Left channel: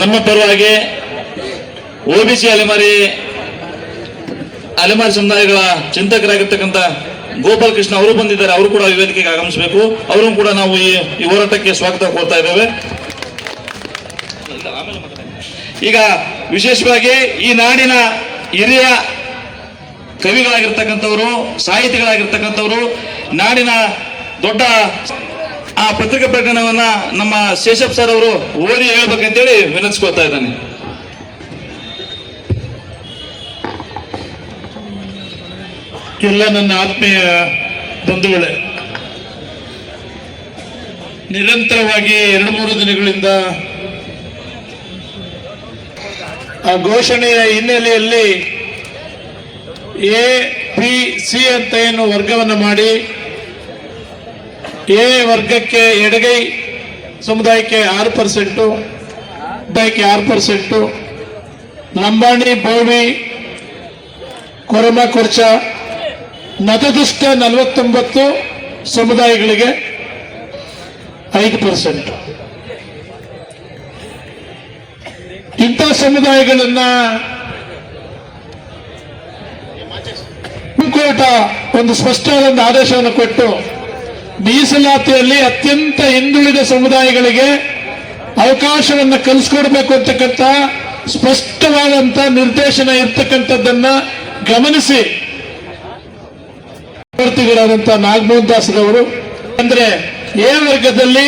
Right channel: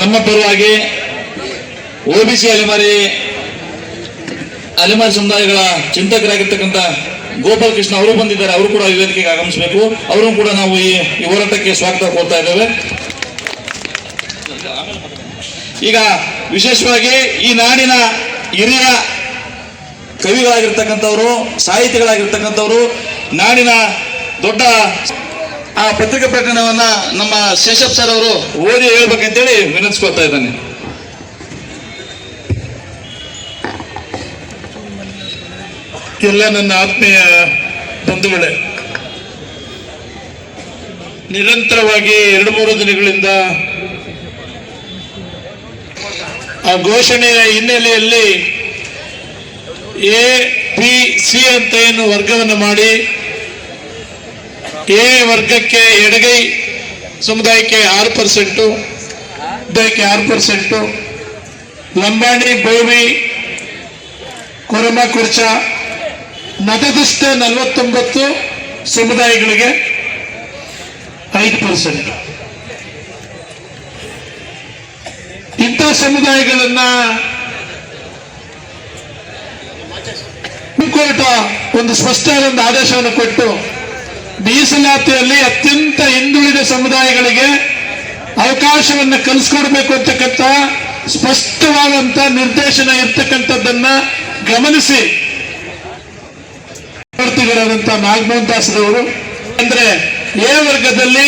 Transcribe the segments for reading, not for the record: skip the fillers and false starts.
ನಮ್ಮ ಪರವಾಗಿ OBC ಅಲೆಮಾರಿ ಸಮುದಾಯಗಳ ಚಿಂತಕರಾಗಿರ್ತಕ್ಕಂಥ ಗೋಪಾಲ್ ಕೃಷ್ಣ ಅವರು ಬಂದಿದ್ದಾರೆ. ಅವರು ಕೂಡ ವೇದಿಕೆಗೆ ಆಗಮಿಸಬೇಕು. ಅವರು ಕೂಡ ನಾವು ಈ ಹೋರಾಟಕ್ಕೆ ಸ್ವಾಗತ ಕೋರ್ತಾ ಇದ್ದೇವೆ. ಈಗ ವಿಶೇಷವಾಗಿ ಈ ನಾಡಿನ ಹಿರಿಯ ಕವಿಗಳಾಗಿರ್ತಕ್ಕಂಥವರು, ಸಾಹಿತಿಗಳಾಗಿರ್ತಕ್ಕಂಥವರು, ನಾಡಿನ ದೊಡ್ಡ ಆ ಪತ್ರಿಕಾ ಪ್ರಕರಣವನ್ನ ನಮ್ಮ ಶೇಷಪ್ ಸರ್ ಅವರು ಓದಿ ಹೇಳ್ಬೇಕಂತೇಳಿ ವಿನಂತಿಸ್ಕೊಳ್ತಾ ಇದ್ದಾನೆ. ಎಲ್ಲ ನನ್ನ ಆತ್ಮೀಯ ಬಂಧುಗಳೇ, ನಿರಂತರವಾಗಿ 2-3 ದಿನಗಳಿಂದ ಆ ಘೋಷಣೆಯ ಹಿನ್ನೆಲೆಯಲ್ಲಿ ABC ಅಂತ ಏನು ವರ್ಗವನ್ನು ಮಾಡಿ ಎ ವರ್ಗಕ್ಕೆ ಎಡಗೈ ಸಮುದಾಯಕ್ಕೆ 6%, ಸಮುದಾಯಕ್ಕೆ 6%, ಲಂಬಾಣಿ, ಬೋವಿ, ಕೊರಮ, ಕೊರ್ಚ, ನತದೃಷ್ಟ 49 ಸಮುದಾಯಗಳಿಗೆ 5%. ಇಂಥ ಸಮುದಾಯಗಳನ್ನ ಕೋರ್ಟ್ ಒಂದು ಸ್ಪಷ್ಟವಾದ ಒಂದು ಆದೇಶವನ್ನು ಕೊಟ್ಟು ಮೀಸಲಾತಿಯಲ್ಲಿ ಅತ್ಯಂತ ಹಿಂದುಳಿದ ಸಮುದಾಯಗಳಿಗೆ ಅವಕಾಶವನ್ನು ಕಲ್ಪಿಸಿಕೊಡ್ಬೇಕು ಅಂತಕ್ಕಂಥ ಸ್ಪಷ್ಟವಾದಂತ ನಿರ್ದೇಶನ ಇರ್ತಕ್ಕಂಥದ್ದನ್ನ ಗಮನಿಸಿ ಪ್ರವರ್ತಿಗಳಾದಂತಹ ನಾಗಮೋಹನ್ ದಾಸರವರು ಅಂದ್ರೆ ಎ ವರ್ಗದಲ್ಲಿ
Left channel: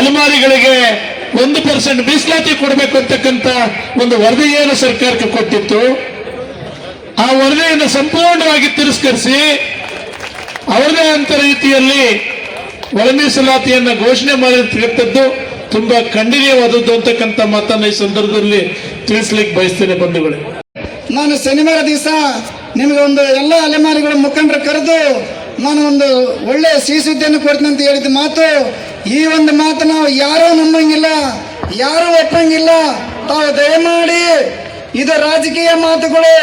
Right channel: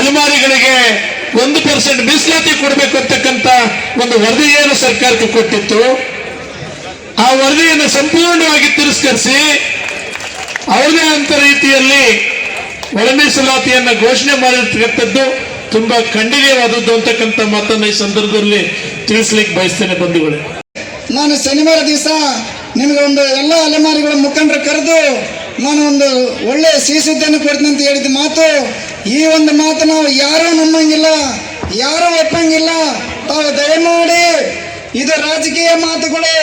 ಅಲೆಮಾರಿಗಳಿಗೆ 1% ಮೀಸಲಾತಿ ಕೊಡಬೇಕು ಅಂತಕ್ಕಂಥ ಒಂದು ವರದಿಯನ್ನು ಸರ್ಕಾರಕ್ಕೆ ಕೊಟ್ಟಿತ್ತು. ಆ ವರದಿಯನ್ನು ಸಂಪೂರ್ಣವಾಗಿ ತಿರಸ್ಕರಿಸಿ ಅವರದೇ ಅಂತ ರೀತಿಯಲ್ಲಿ ಒಳ ಮೀಸಲಾತಿಯನ್ನ ಘೋಷಣೆ ಮಾಡಿರ್ತಕ್ಕಂಥದ್ದು ತುಂಬಾ ಖಂಡನೀಯವಾದದ್ದು ಅಂತಕ್ಕಂಥ ಮಾತನ್ನ ಈ ಸಂದರ್ಭದಲ್ಲಿ ತಿಳಿಸ್ಲಿಕ್ಕೆ ಬಯಸ್ತೇನೆ ಬಂಧುಗಳೇ. ನಾನು ಶನಿವಾರ ದಿವಸ ನಿಮಗೆ ಒಂದು ಎಲ್ಲ ಅಲೆಮಾರಿಗಳ ಮುಖಂಡರು ಕರೆದು ನಾನು ಒಂದು ಒಳ್ಳೆ ಸಿಹಿ ಸುದ್ದಿಯನ್ನು ಕೊಡ್ತೀನಿ ಅಂತ ಹೇಳಿದ ಮಾತು, ಈ ಒಂದು ಮಾತು ನಾವು ಯಾರೂ ನಂಬಂಗಿಲ್ಲ, ಯಾರೂ ಒಪ್ಪಂಗಿಲ್ಲ. ತಾವು ದಯಮಾಡಿ ಇದು ರಾಜಕೀಯ ಮಾತುಗಳು,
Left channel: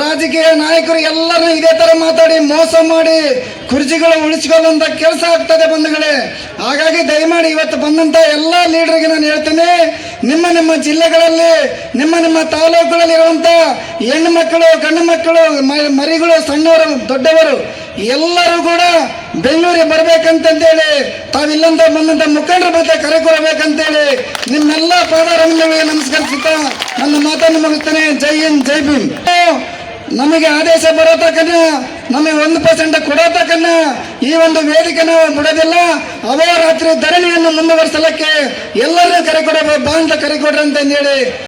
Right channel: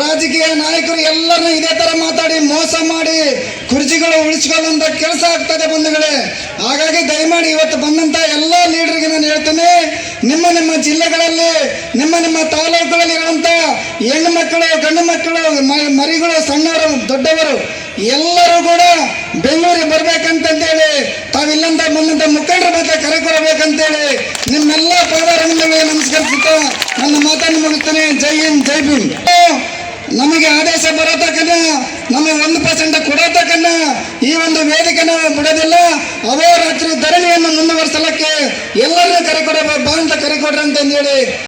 ರಾಜಕೀಯ ನಾಯಕರು ಎಲ್ಲರನ್ನೂ ಇದೇ ತರ ಮಾತಾಡಿ ಮೋಸ ಮಾಡಿ ಕುರ್ಚಿಗಳು ಉಳಿಸ್ಕೊಳ್ಳುವಂತ ಕೆಲಸ ಆಗ್ತದೆ ಬಂಧುಗಳೇ. ಹಾಗಾಗಿ ದಯಮಾಡಿ ಇವತ್ತು ಬಂದಂತ ಎಲ್ಲ ಲೀಡರ್ಗೆ ನಾನು ಹೇಳ್ತೇನೆ, ನಿಮ್ಮ ಜಿಲ್ಲೆಗಳಲ್ಲಿ ನಿಮ್ಮ ತಾಲೂಕುಗಳಲ್ಲಿ ಇರುವಂತ ಹೆಣ್ಣು ಮಕ್ಕಳು, ಗಂಡು ಮಕ್ಕಳು, ಮರಿಗಳು, ಸಣ್ಣವರು, ದೊಡ್ಡವರು ಎಲ್ಲರೂ ಕೂಡ ಬೆಂಗಳೂರಿಗೆ ಬರ್ಬೇಕಂತೇಳಿ ತಾವಿಲ್ಲಂತ ಬಂದಂತ ಮುಖಂಡರ ಮತ್ತೆ ಕರೆ ಕೊಡಬೇಕಂತೇಳಿ ನಿಮ್ಮೆಲ್ಲ ಪಾದಾರವಿಂದಗಳಿಗೆ ನಮಸ್ಕರಿಸುತ್ತಾ ನನ್ನ ಮಾತನ್ನು ಮುಗಿಸ್ತೇನೆ. ಜೈ ಹಿಂದ್, ಜೈ ಭೀಮ್. ನಮಗೆ ಆದೇಶ ಬರೋ ತಕ್ಕನ, ನಮಗೆ 1% ಕೊಡೋ ತಕ್ಕನ ಈ ಒಂದು ವೇದಿಕೆ ನಾವು ಬಿಡೋದಿಲ್ಲ. ಅಹೋರಾತ್ರಿ ಧರಣಿಯನ್ನು ಮುಂದುವರಿಸಲಿಕ್ಕೆ ಎಲ್ಲರೂ ಕರೆ ಕೊಡಬೇಕು, ಬಾ ಅಂತ ಕರೆ ಕೊಡ್ರಿ ಅಂತಂದೇಳಿ